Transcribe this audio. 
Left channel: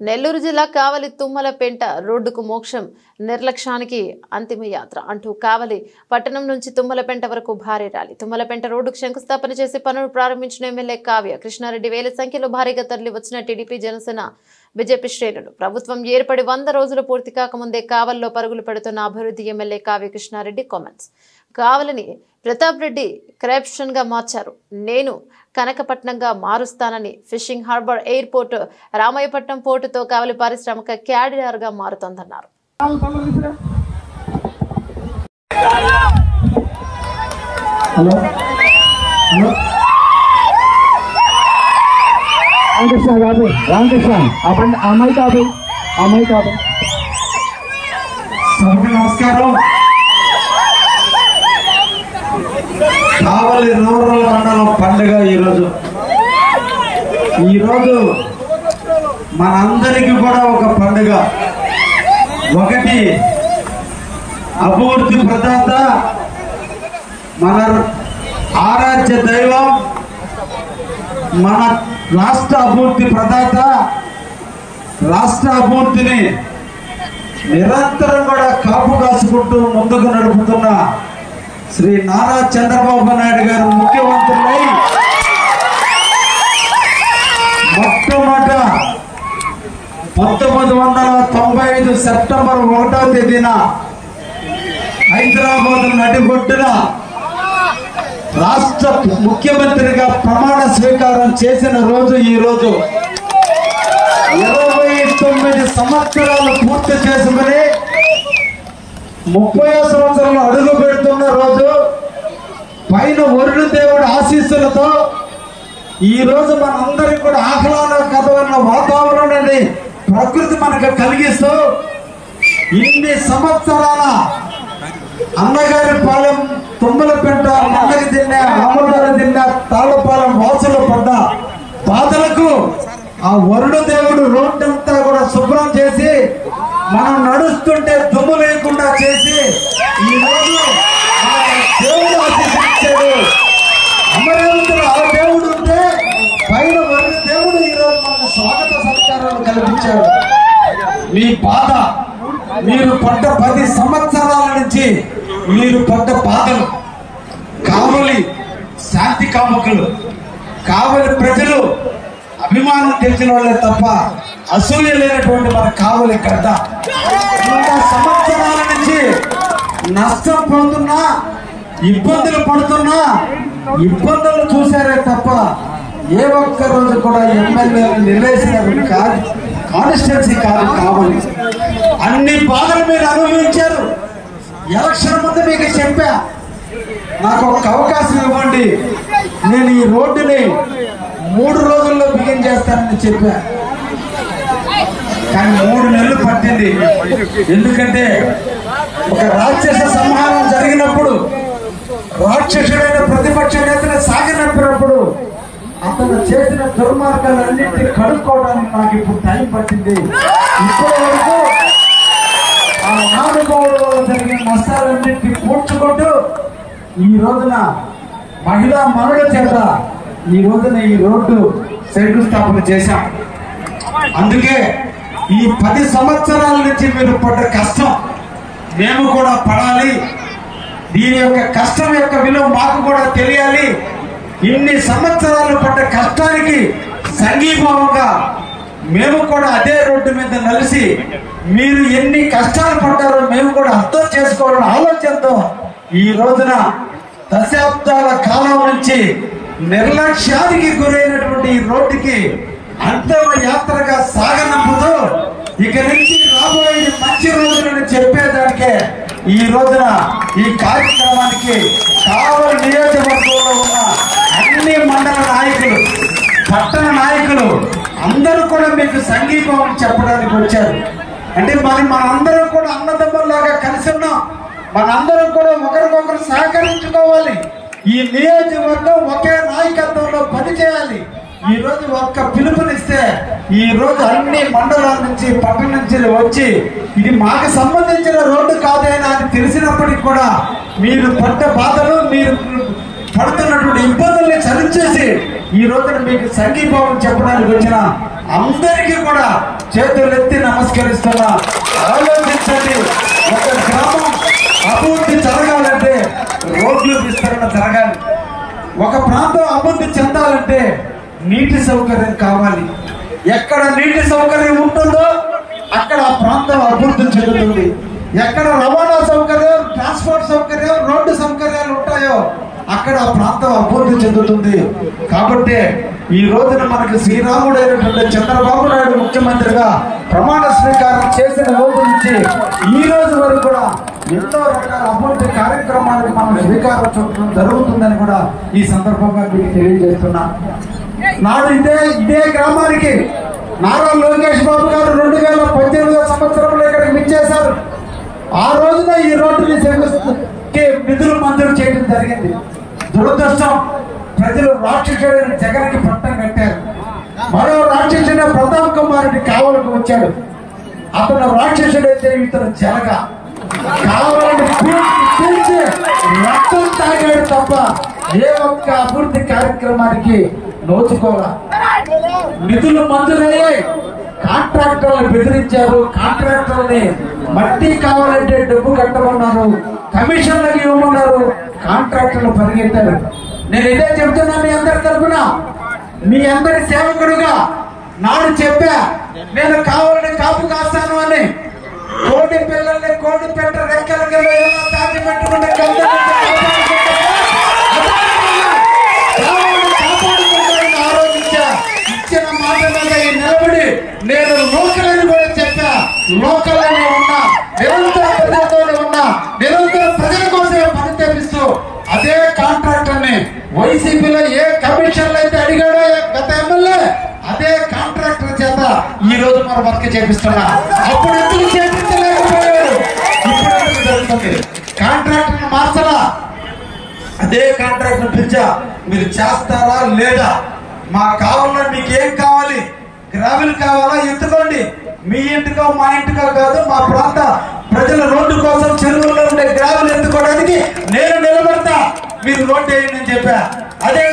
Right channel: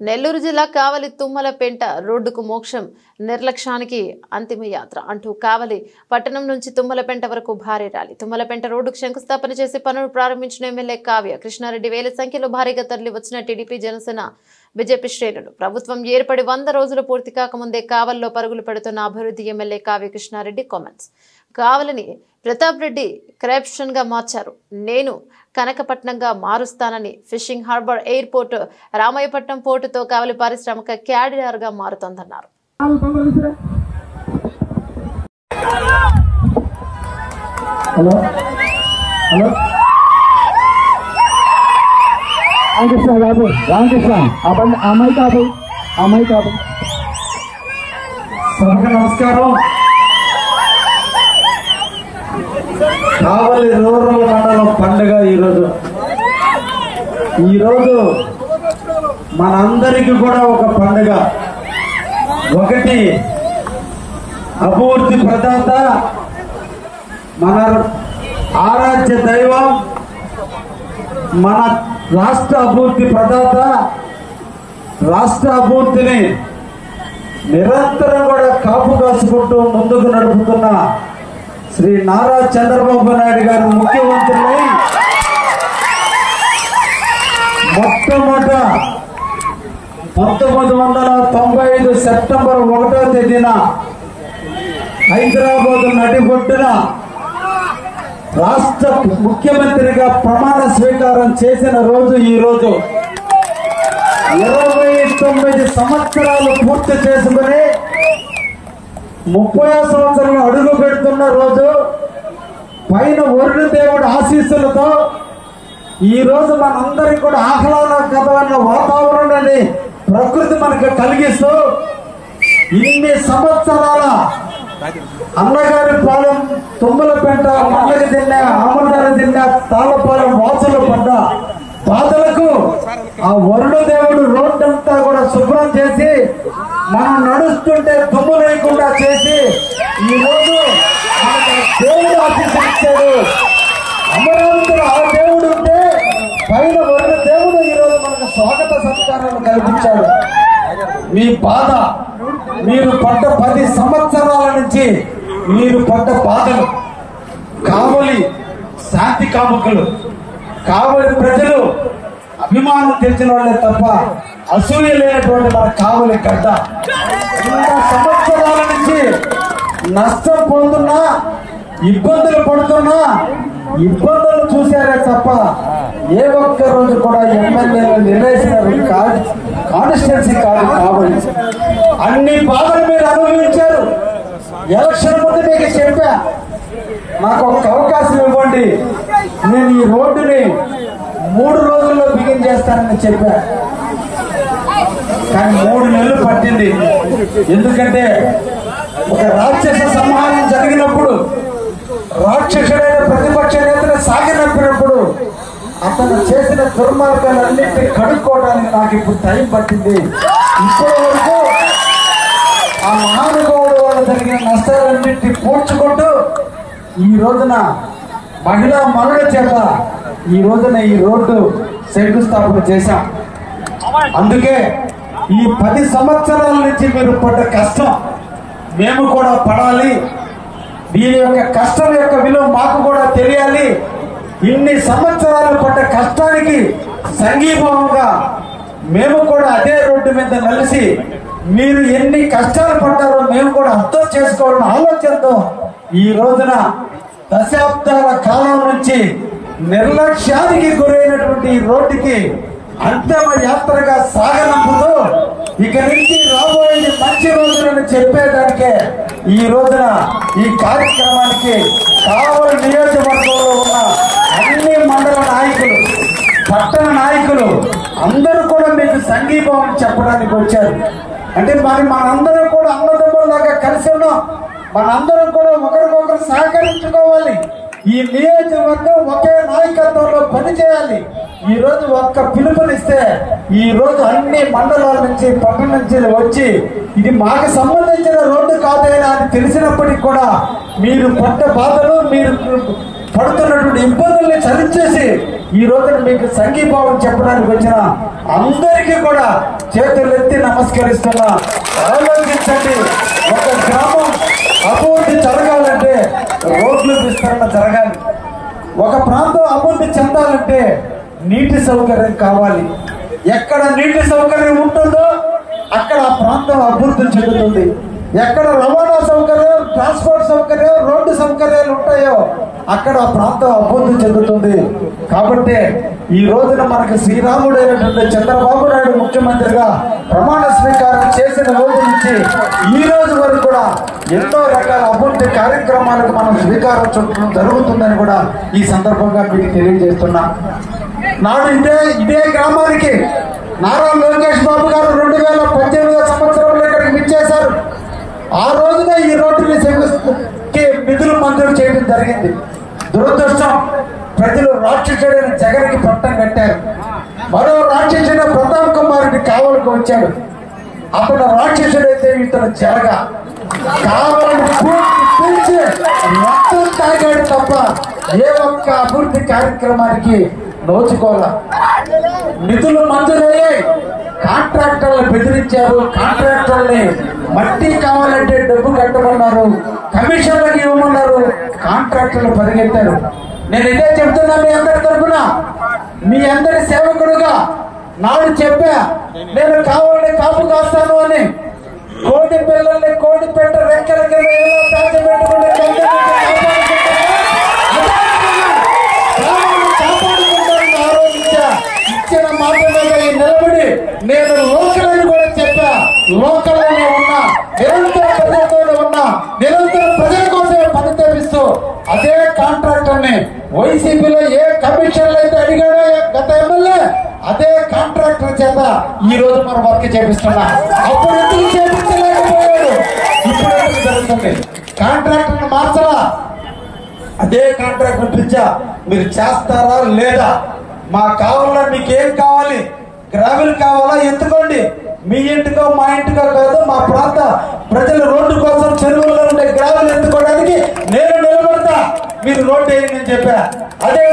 నెల్లూరు జిల్లా కావలి తుమ్మలపెంట రోడ్డుకు మోక్షం నిర్లక్ష్యానికి అంతిమ యాత్ర అంటూ కావలి పట్టణం నుంచి తుమ్మలపెంట వరకు భారీ ర్యాలీ. తుమ్మలపెంట రోడ్డుకు శంకుస్థాపన చేసి పనులు ప్రారంభించిన ఎమ్మెల్యే కావ్య కృష్ణారెడ్డి వేల సంఖ్యలో భారీగా తరలి వచ్చిన టీడీపీ జనసేన బీజేపీ శ్రేణులు. ప్రభుత్వం ఏర్పడి 100 రోజులు పూర్తి కాకముందే కావలిలో పరుగులు పెడుతున్న అభివృద్ధి ఎమ్మెల్యే కావ్య కృష్ణారెడ్డి కామెంట్స్. కావలిని ప్రతాప్ రెడ్డి కరప్షన్ గా మార్చారు, నేను కనకపట్నంగా మారుస్తానని. ఫిషింగ్ హార్బర్ ఎయిర్పోర్ట్ రామాయపట్నం పోర్టుతో కావలి పారిశ్రామిక క్యారిడార్ గా మారుతోందన్నారు. నమస్కారం. కావలి రూరల్ మండలం పండుగ ఈరోజు మనందరికీ కూడా ఒక పండుగ. ఒకటి అభివృద్ధి ప్రదాత, మన ఆరాధ్య దైవం, మన రాష్ట్ర అభివృద్ధి ప్రదాత, రాష్ట్ర అభివృద్ధిని నిరంతరం కూడా కాపు కాసుకుంటూ ముందుకు నడుపుతున్న శ్రీ నారా చంద్రబాబు నాయుడు గారు ముఖ్యమంత్రులై మొట్టమొదట 1995 సెప్టెంబర్ 1వ తేదీన హైదరాబాద్ నడిబొడ్డున రాష్ట్ర ముఖ్యమంత్రిగా ప్రమాణ స్వీకారం చేసిన రోజు ఈరోజు. 29 సంవత్సరాలు పూర్తి చేసుకుని 30వ సంవత్సరంలో అడుగు పెడుతున్న రోజు, పైన వరుణ దేవుడి ఆశీస్సులతో ఈ రోజు మనందరికీ కూడా ఆహ్లాదకరమైన వాతావరణాన్ని ప్రకృతి మనకు కలిగిస్తూ ఇన్ని సంవత్సరాల అన్నగారి పాలెం, తుమ్మలపెంట, మంగళి దిన్నె, ఆమదారి దిన్నె, తాళపాలెం వాసులు పడ్డ బాధలకు ఆ వరుణ దేవుడు రోడ్డంతా కూడా శుభ్రం చేసి మనం నడుస్తుంటే దుమ్ము లేకుండా చేసి ఈ రోజు మనకి దేవుడు ఆశీర్వదించాడు. అమరావతిలో ఆ దేవుడు ఉంటే పైన వరుణ దేవుడు ఈ రోజు మనకు స్వాగత సత్కారాలు కల్పించాడు. మీ బాధ, మీరు పడ్డ 10 సంవత్సరాల నుంచి మీరు పడ్డ బాధలు, కావలి శాంతి కాముకులు, కావలి ప్రజలు అభిమానం తెలిసిన వాళ్ళే తప్ప అసూయ లేనటువంటి మన కావలి గడ్డ. 100 సంవత్సరాల నుంచి నష్టం పొందుతున్నా, ఇబ్బందులు పడుతున్నా, ఇబ్బందులు చూశారే తప్ప ఏ ఒక్క రోజు కూడా ఎమ్మెల్యేలు నిలేసినారు కాదు, కాన్స్టిట్యున్సీ కాదు కావలి. అన్ని బాధలు మీరు అనుభవించారు. ఎలక్షన్ ముందు మీకు చెప్పా, నాకు ఒక అవకాశం ఇవ్వండి, నేను ఈ రోడ్డుని 3 రోజుల్లో బిగిన్ చేస్తానని చెప్పా. కానీ 3 నెలలు పట్టింది. ఎందుకంటే ఒక రాక్షస సంహారం జరిగినప్పుడు, రాక్షసుడైన ప్రతిపక్ష నేతను సాగినప్పుడు అతను చేసిన దుర్మార్గాలన్నింటినీ కడుక్కోవడానికి నాకు ఇప్పుడు టైం పట్టింది. ఇప్పటి వరకు ఆ మహానుభావుడు వల్ల జరిగిన నష్టాలన్నింటినీ పూడ్చుకుంటూ ఈ రోజున మహిళా మనుల చేత ఈ రోజున ఈ రోడ్డు శంకుస్థాపన చేశాం. అందుకే ఈ 10 సంవత్సరాల నుంచి మీరు పడ్డ కష్టం మేము కూడా పడాలి. దీని యొక్క కష్టం యొక్క విలువ మాకు కూడా తెలియాలి. ఇన్ని సంవత్సరాలు పడ్డ కష్టానికి సంఘీభావంగా మేము కూడా అదే రోడ్డు మీద కలిసి మీరు ఎన్ని కష్టాలు పడ్డారో మేము కూడా అర్థం చేసుకోవాలని ఆలోచనతో ఈ రోజున దశాబ్దాల కాలం నుంచి నిర్లక్ష్యానికి గురైనటువంటి ఈ రోడ్డుకి అంతిమ యాత్రగా సాగనంపుతూ ఇక నుంచి రాబోయే మంచి రోజులను చెప్పేదానికే ఈ రోజున ఈ కార్యక్రమానికి కావలి నియోజకవర్గంలో ఉన్న అన్ని మండల నాయకులు, పట్టణ నాయకులు అందరూ కూడా మీకు సంఘీభావం చెప్పడానికి వచ్చారు. అంటే మనందరం కూడా అన్నదమ్ములాగా కలిసి ఉన్నాం. మనందరం కూడా ఒకరికొకరు సహకరించుకోవాలి. ఈ నియోజకవర్గం ఒకే నాయకత్వంలో పనిచేయాలి. ఈ రోజు ఒక్క పిలుపునిస్తే ఈ రోజు అన్ని మండలాల నుంచి, పట్టణం నుంచి వచ్చి ఇది మాకు సంబంధించిన రోడ్డు కాదేనా అని తెలిసినప్పటికీ కూడా మీరు పడ్డ బాధలు, మీరు పడుతున్నటువంటి ఇబ్బందుల్ని సరిచేసి ఈ రోజున మీకు సంఘీభావం చెప్పడానికి వచ్చిన అందరికీ కూడా చేతులెత్తి నమస్కరిస్తున్నా. ఆలోచించండి, ఒక గ్రామం అభివృద్ధి జరగాలంటే రోడ్లు విస్తరణ జరగాలి. ఒక ప్రాంతం అభివృద్ధి చెందాలంటే నీటి సౌకర్యం కావాలి. ఎక్కడ నీటి సౌకర్యం ఉంటుందో అక్కడ ఆ ప్రాంతం అభివృద్ధి చెందుతుంది. ఎక్కడ రవాణా సౌకర్యం, ట్రాన్స్పోర్ట్ సౌకర్యం, రోడ్డు సౌకర్యాలు ఉంటాయో అక్కడ ఆ ప్రాంతం అభివృద్ధి చెందుతుంది. కాబట్టి ఈ రోజున మనకు శ్రీరాముడైనటువంటి చంద్రబాబు నాయుడు ముఖ్యమంత్రిగా ప్రమాణ స్వీకారం చేసిన రోజు నుంచి ఈ రోజు వరకు కూడా ఎన్నో రకాల అభివృద్ధి కార్యక్రమాలకు మనం స్వీకారం చుట్టడం జరుగుతుందని కూడా ఈ సందర్భంగా మీకు తెలియజేస్తున్నా. నాడు ఇదే గ్రామానికి నారా లోకేష్ బాబు గారు 2018 సంవత్సరంలో ఇక్కడికి విచ్చేశారు. ఆ రోజున ఈ రోడ్డుని నిధులు మంజూరు చేయడం జరిగింది. దురదృష్టం, ప్రజలు రాక్షసుడైన జగన్కి పట్టం కట్టారు. మరో రాక్షసుడైన ప్రతాప్ కుమార్ రెడ్డి కావలకు వచ్చాడు. అప్పుడు రాక్షసుడైతే ఇతను జరగా పీల్చి రక్తం తాగాడు తప్ప ఏ ఒక్క అభివృద్ధి కార్యక్రమానికి నోచుకోవాల. నిధులు మంజూరయ్యాయి, కాంట్రాక్టర్లు బెదిరించారు. కాంట్రాక్టర్ని మట్టి కావాలంటే డబ్బు కట్టమన్నారు, కమిషన్లకు ఇవ్వమన్నారు. కాంట్రాక్టర్లు పరిగెత్తారు. నేను ఇదే చెప్తున్నా మీ అందరి తరఫున, మీ అందరి సేవకుడుగా. నాడు చెప్పా, నేను కావాలని కాపు కాస్తాను అని. కోటి పిల్లల్ని కోటి పెట్ట రెక్కలకి ఇచ్చిన మాట నిలబడి నేను లోకలని కూడా చెప్పా. లోకలని ఉన్నా, నిరంతర ప్రజలతోనే ఉన్నా, నిరంతర ప్రజల కోసమే పని తెప్పిస్తూ అదే కాంట్రాక్టర్ని వైసీపీలో ఏ కమిషన్లు అయితే అడిగాడో గత ఎమ్మెల్యే, అదే కాంట్రాక్టర్ చేత ఈ రోజు మనం వర్క్ చేపిస్తున్నా. అప్పుడు ఎందుకు చేపించలేకపోయాడు? ఇప్పుడు జరుగుతుంది. కాంట్రాక్టర్ మార్చరా, అదే కాంట్రాక్టర్ పిలిచా, మీరు చేస్తారా లేదా? మా కావాలా, మీకేం కావాలి? గ్రావెల్ కావాలా? ఎత్తుకోండి. మీ ఇంటికో మా ఇంటికో కాదు, మా ప్రాంత ప్రజల రోడ్డు కోసం చెరువులో ఉండే గ్రావెల్ ఎత్తుకోవడానికి నేను నిలబడతా, మీరు రోడ్డు వేయండి అని చెప్పా. అదే